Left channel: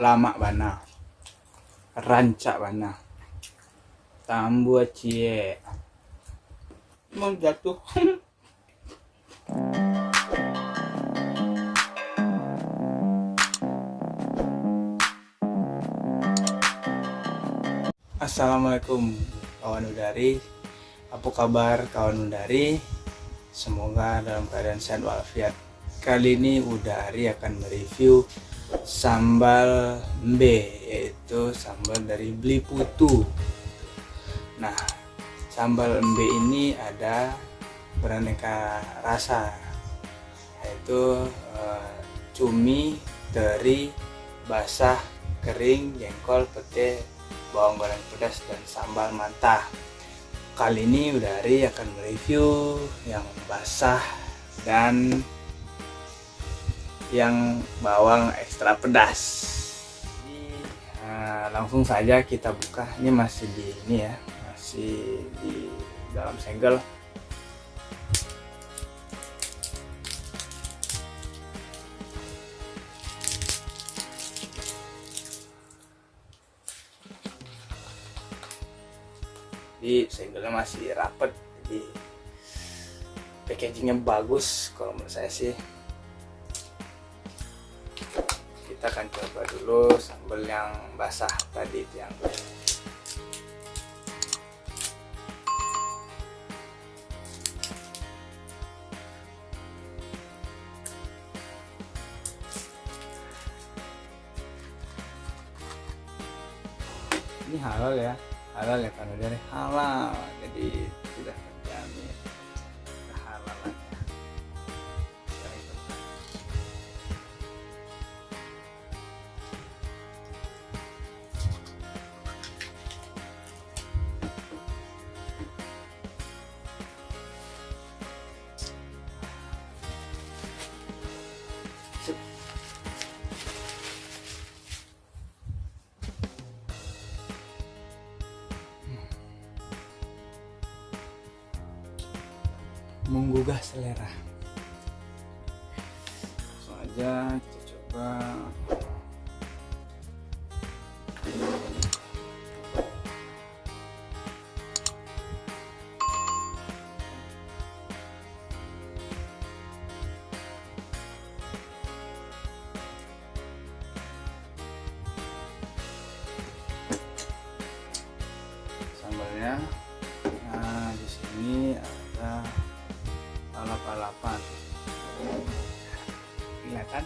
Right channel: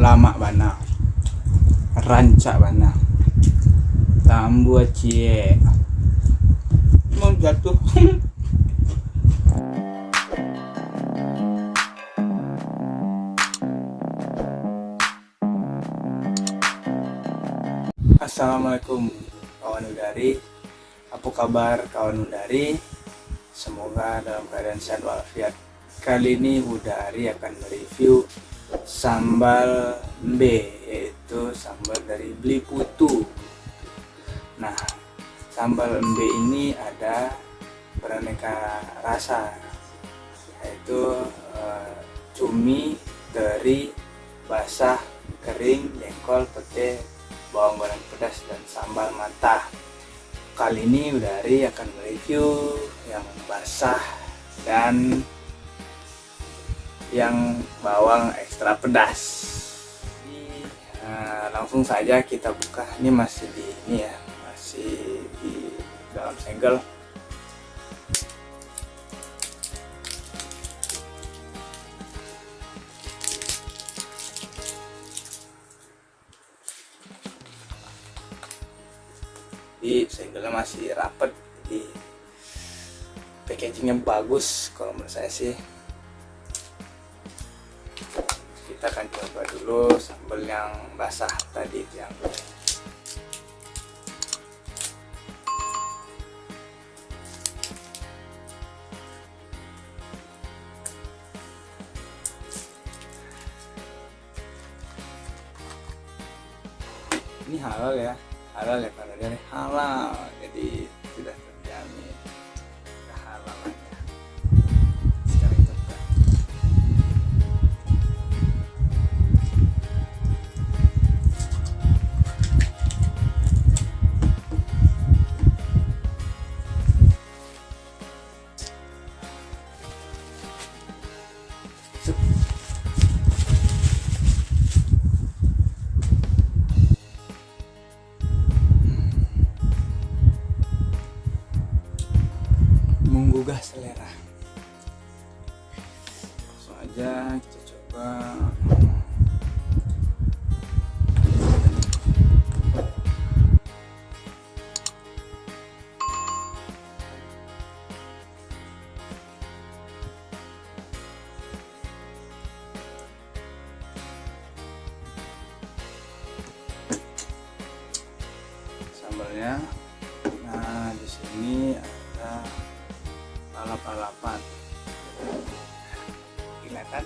lama bana, rancak bana, tambu cie, mau jatuh. Assalamualaikum kawan udari, apa kabar kawan udari? Semoga dalam keadaan sehat walafiat. Kali ini udari akan mereview sambal mbe, yaitu sambal dari Beli Putu. Nah, sambal mbe ini ada beraneka rasa, yaitu cumi, teri, basah, kering, jengkol, pete, bawang goreng pedas, dan sambal mata. Kali ini udari akan mereview yang basah dan yang bawang ekstra pedas. Jadi langsung saja kita buka. Ini masih masih di dalam segel. Jadi segelnya masih rapet, jadi packagingnya bagus kalau menurut saya sih. Kita akan coba dulu sambal yang basah tadi, yang ini halal ya karena dari halal, jadi sudah terjamin kehalalannya. Sekarang kita buka. Menggugah selera. Langsung aja kita coba. Sambalnya. Nah, di sini ada lalap-lalapan, kelihatan.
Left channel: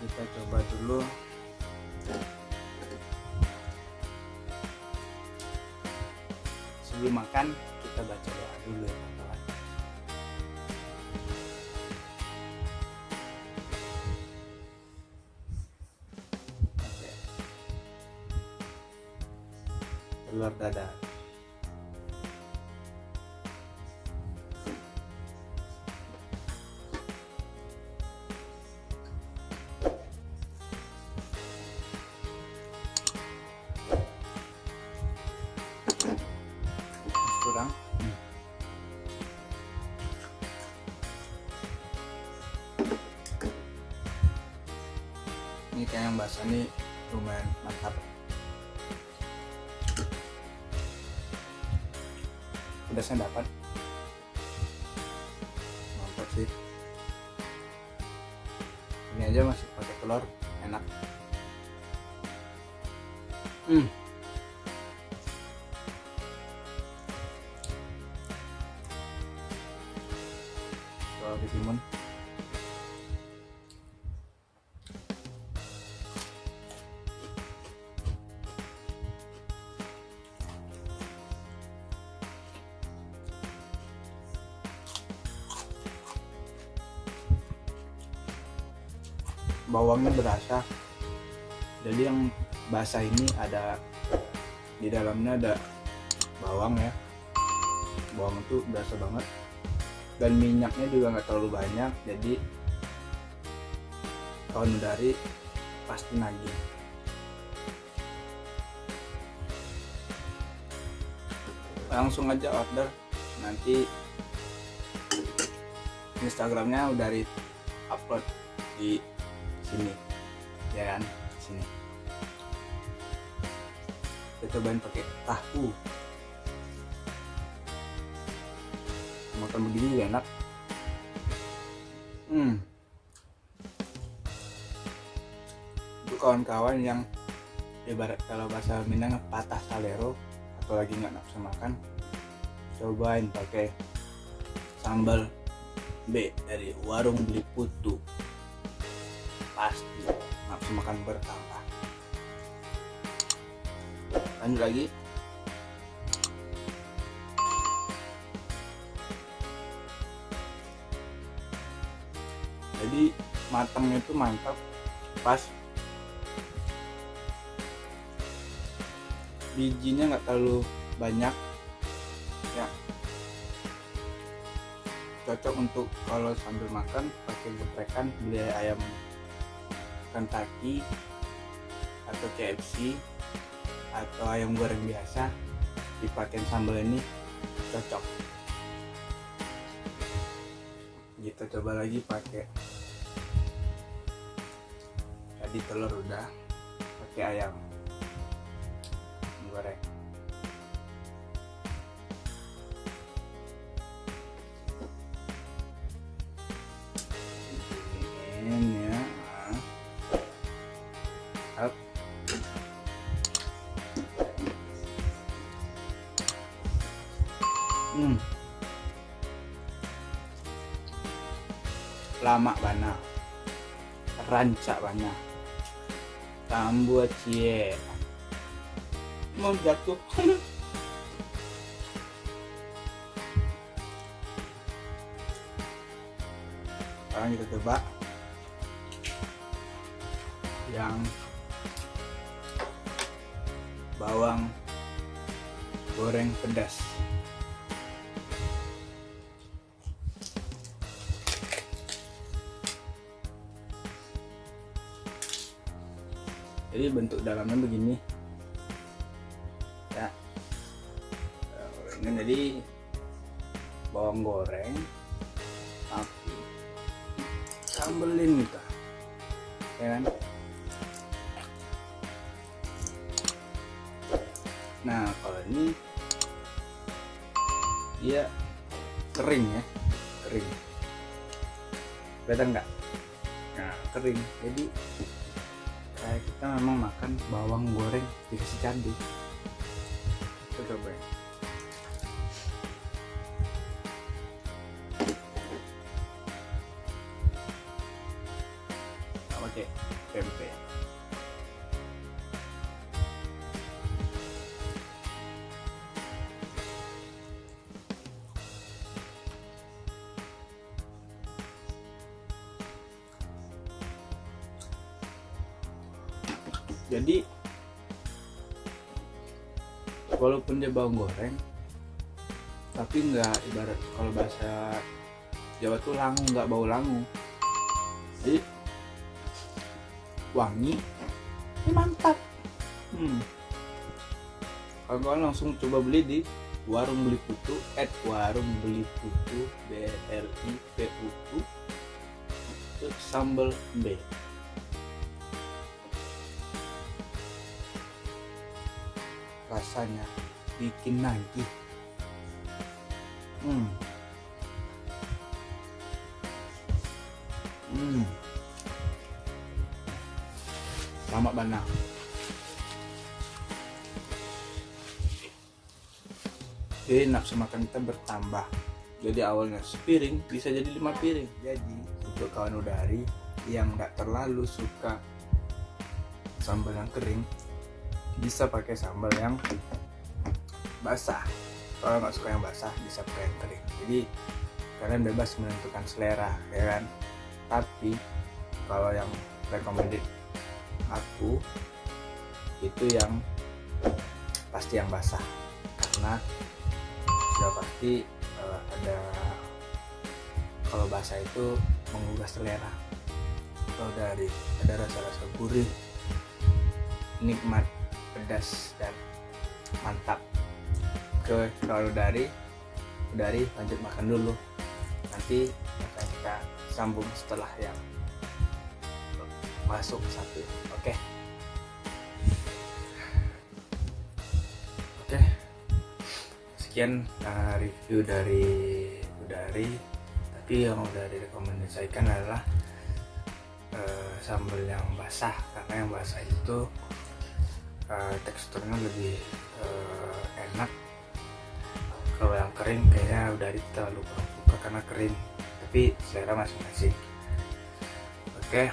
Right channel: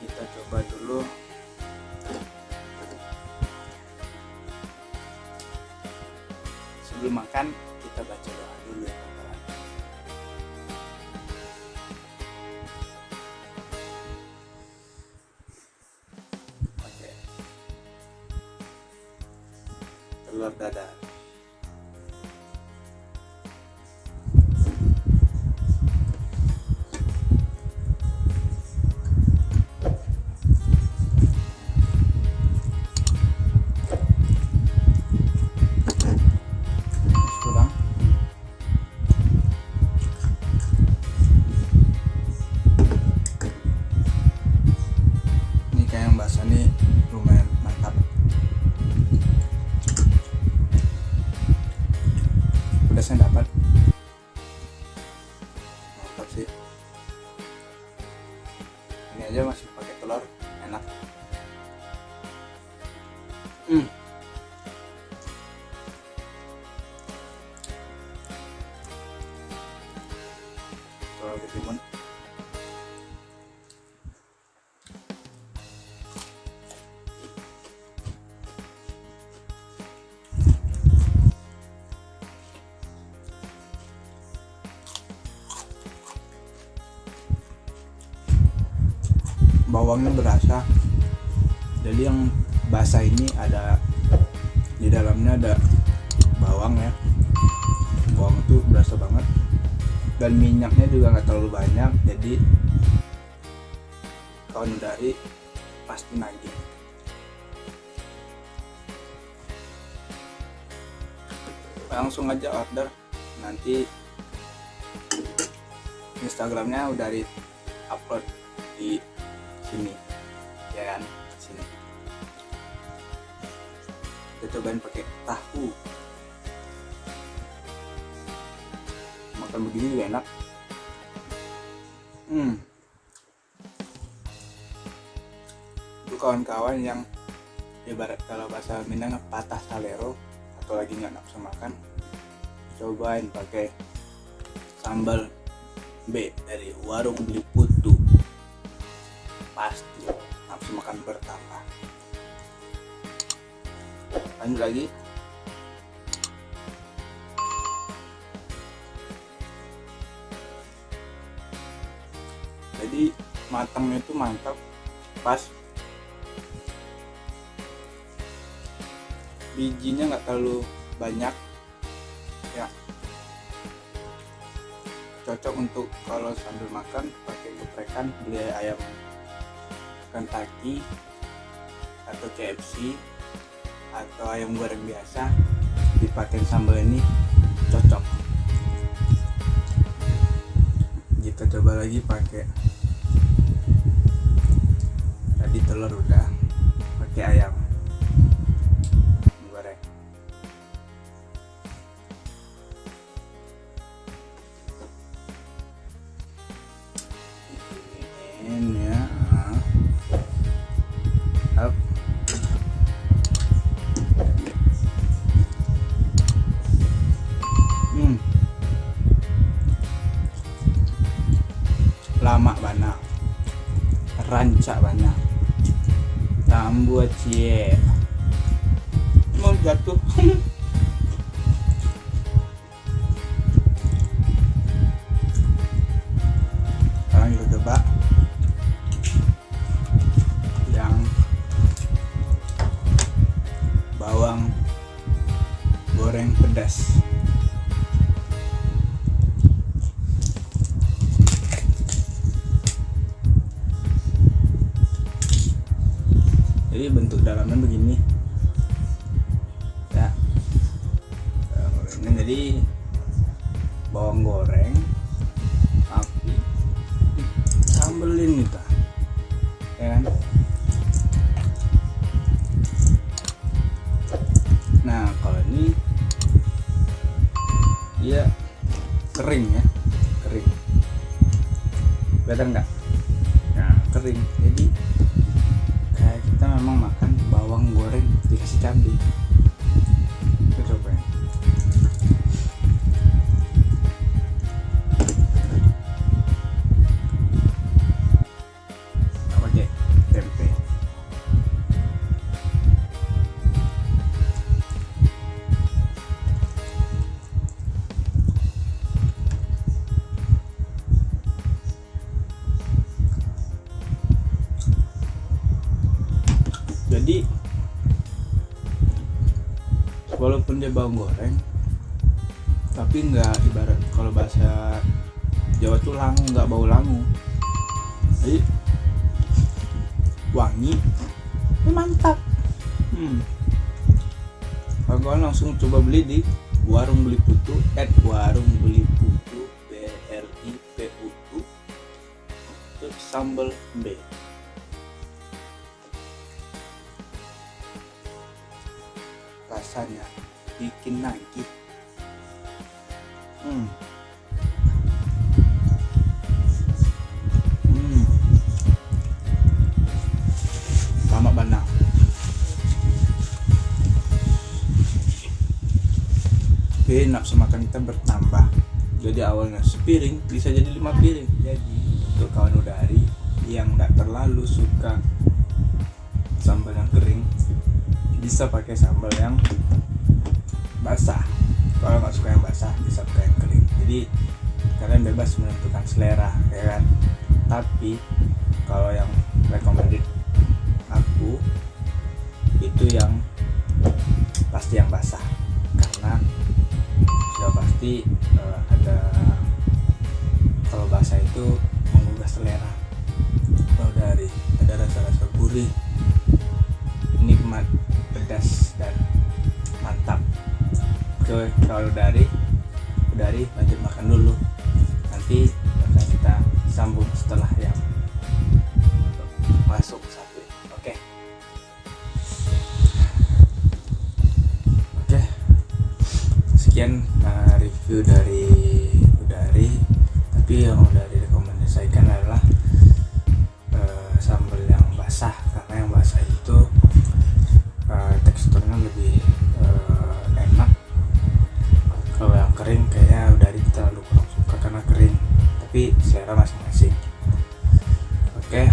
Kita coba dulu. Sebelum makan kita baca doa dulu ya kawan. Oke. Telur dadar. Kurang. Ini kayak yang basah nih lumayan mantap. Pedasnya dapat. Mantap sih. Ini aja masih pakai telur, enak. Coba ketimun. Bawangnya berasa. Jadi yang basah ini ada di dalamnya ada bawang ya. Bawang itu berasa banget. Dan minyaknya juga nggak terlalu banyak, jadi kawan udari pasti nagih. Langsung aja order, nanti Instagramnya udah di upload di sini. ya kan. Sini kita cobain pakai tahu, makan begini juga enak. Untuk kawan-kawan yang ibarat kalau bahasa Minang patah salero atau lagi nggak nafsu makan, cobain pakai sambal B dari warung Beli Putu, pasti nafsu makan bertambah. Lanjut lagi. Jadi matangnya itu mantap, pas, bijinya nggak terlalu banyak ya, cocok untuk kalau sambil makan pakai geprekan, beli ayam Kentucky atau KFC atau ayam goreng biasa, dipakai sambal ini cocok. Kita coba lagi pakai, tadi telur udah, pakai ayam goreng. Ini ya, up. Lama bana, rancak bana, tambu cie, mau jatuh. Sekarang kita coba yang bawang goreng pedas. Jadi bentuk dalamnya begini ya, gorengnya jadi bawang goreng tapi sambelin kita ya kan. Nah kalau ini dia kering ya, kering, kelihatan nggak? Nah kering, jadi kayak kita memang makan bawang goreng dikasih cabai. Kita coba ya. Nggak pakai tempe. Jadi walaupun dia bawang goreng tapi nggak, ibarat kalau bahasa Jawa tuh langu, nggak bau langu, jadi wangi, ini mantap. Kawan-kawan langsung coba beli di warung Beli Putu, warung Beli Putu, BLIPUTU, untuk sambal B. Rasanya bikin nagih. Lama bana. Oke, nafsu makan kita bertambah. Jadi awalnya sepiring bisa jadi 5 piring. Jadi untuk kawan udari yang nggak terlalu suka sambal yang kering, bisa pakai sambal yang basah. Kalau nggak suka yang basah, bisa pakai yang kering. Jadi kalian bebas menentukan selera ya kan. Tapi kalau yang recommended aku itu yang pasti yang basah, karena sudah pasti ada, kalau basah itu menggugah selera. Kalau dari ada rasa-rasa gurih, nikmat, pedas, dan mantap. Oke, kalau dari lanjut makan dulu, nanti akan kita sambung setelah yang masuk satu. sekian review dari Udari. Tapi yang udah direkomendasikan adalah sambal yang basah, karena yang basah itu teksturnya lebih enak. Kalau yang kering kayaknya Udari terlalu kurang suka karena kering, tapi selera masing-masing. Oke.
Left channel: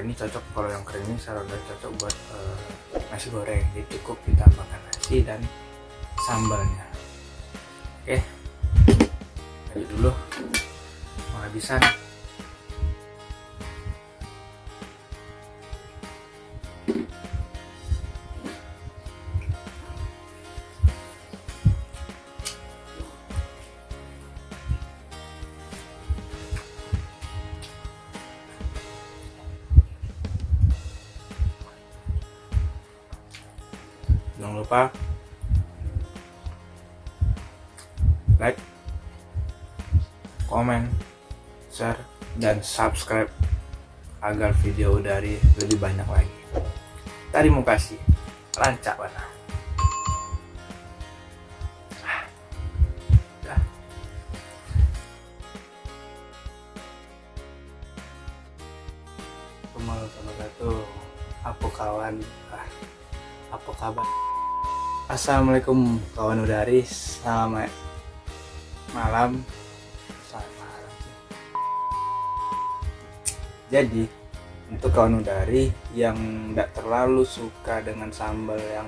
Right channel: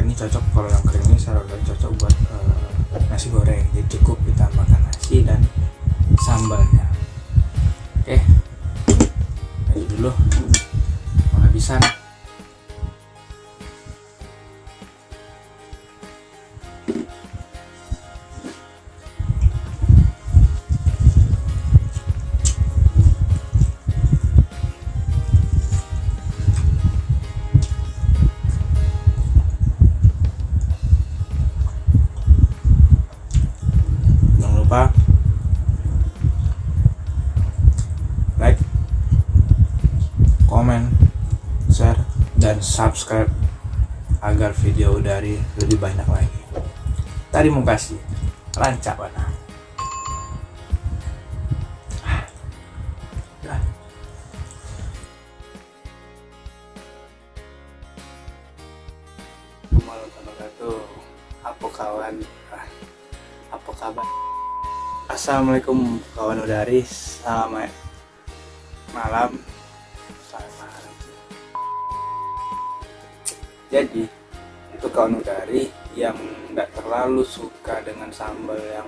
Ini cocok, kalau yang kering ini saya Udari cocok buat nasi goreng, jadi cukup ditambahkan nasi dan sambalnya. Oke, ayo dulu penghabisan. Jangan lupa like, komen, share, dan subscribe agar video dari lebih banyak lagi. Terima kasih. Rancak mana? Assalamualaikum wabarakatuh. Apa kawan? Apa kabar? Assalamualaikum kawan Udari. Selamat malam. Selamat malam. Jadi untuk kawan Udari yang tidak terlalu suka dengan sambal yang